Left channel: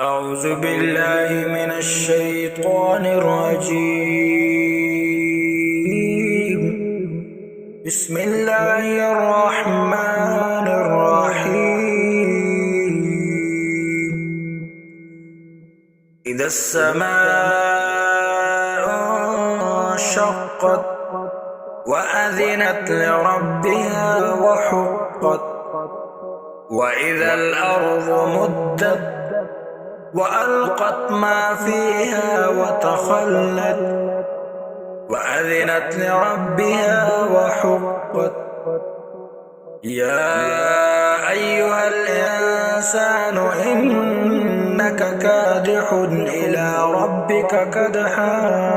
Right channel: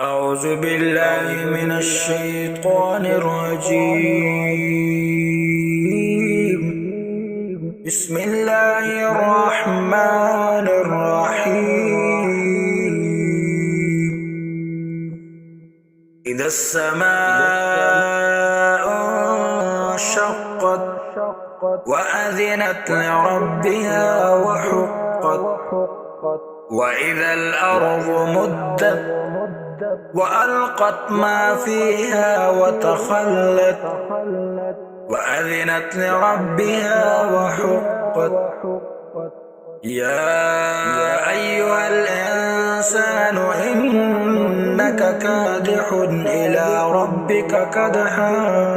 أعوذ بالله من الشيطان الرجيم. بسم الله الرحمن الرحيم. إذا السماء انشقت وأذنت لربها وحقت، وإذا الأرض مدت وألقت ما فيها وتخلت وأذنت لربها وحقت. يا أيها الإنسان إنك كادح إلى ربك كدحا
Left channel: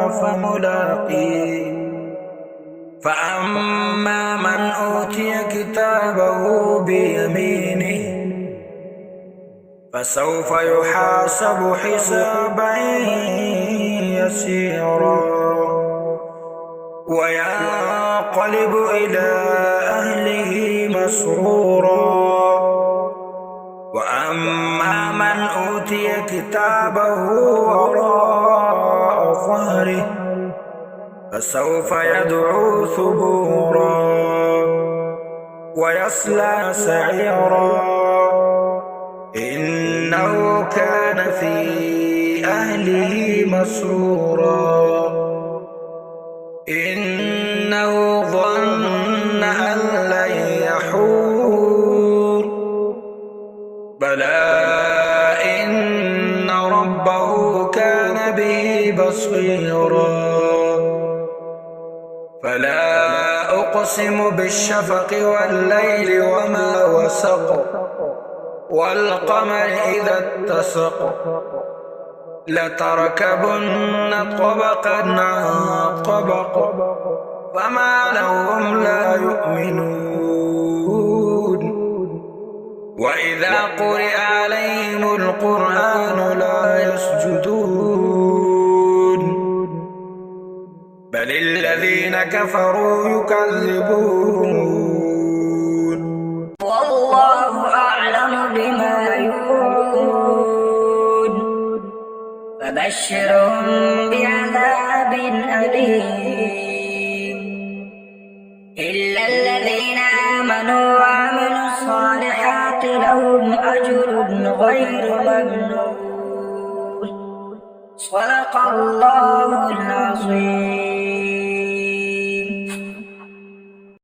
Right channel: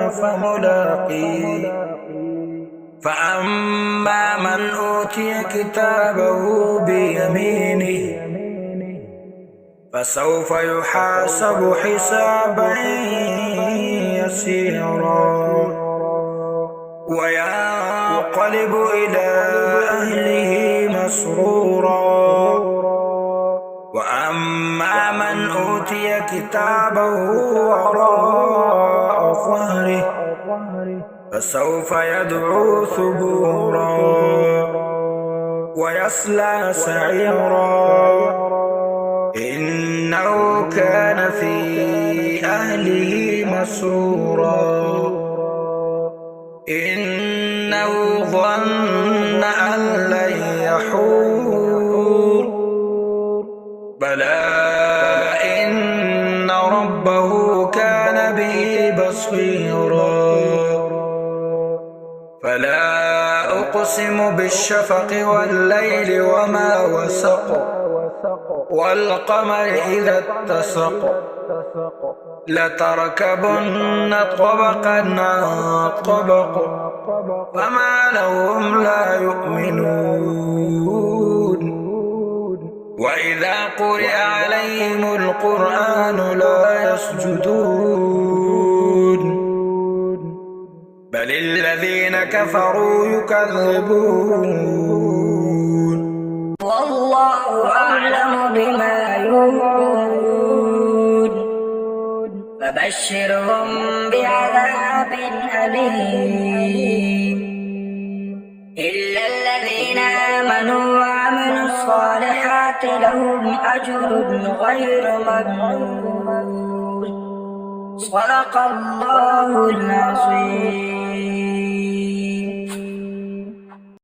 فملاقيه. فأما من أوتي كتابه بيمينه فسوف يحاسب حسابا يسيرا وينقلب إلى أهله مسرورا. وأما من أوتي كتابه وراء ظهره فسوف يدعو ثبورا ويصلى سعيرا، إنه كان في أهله مسرورا. إنه ظن أن لن يحور، بلى إن ربه كان به بصيرا. فلا أقسم بالشفق والليل وما وسق، والقمر إذا اتسق، لتركبن طبقا عن طبق، فما لهم لا يؤمنون. وإذا قرئ عليهم القرآن لا يسجدون، بل الذين كفروا يكذبون. والله أعلم بما يوعون، فبشرهم بعذاب أليم إلا الذين آمنوا وعملوا الصالحات لهم أجر غير ممنون. صدق الله العظيم.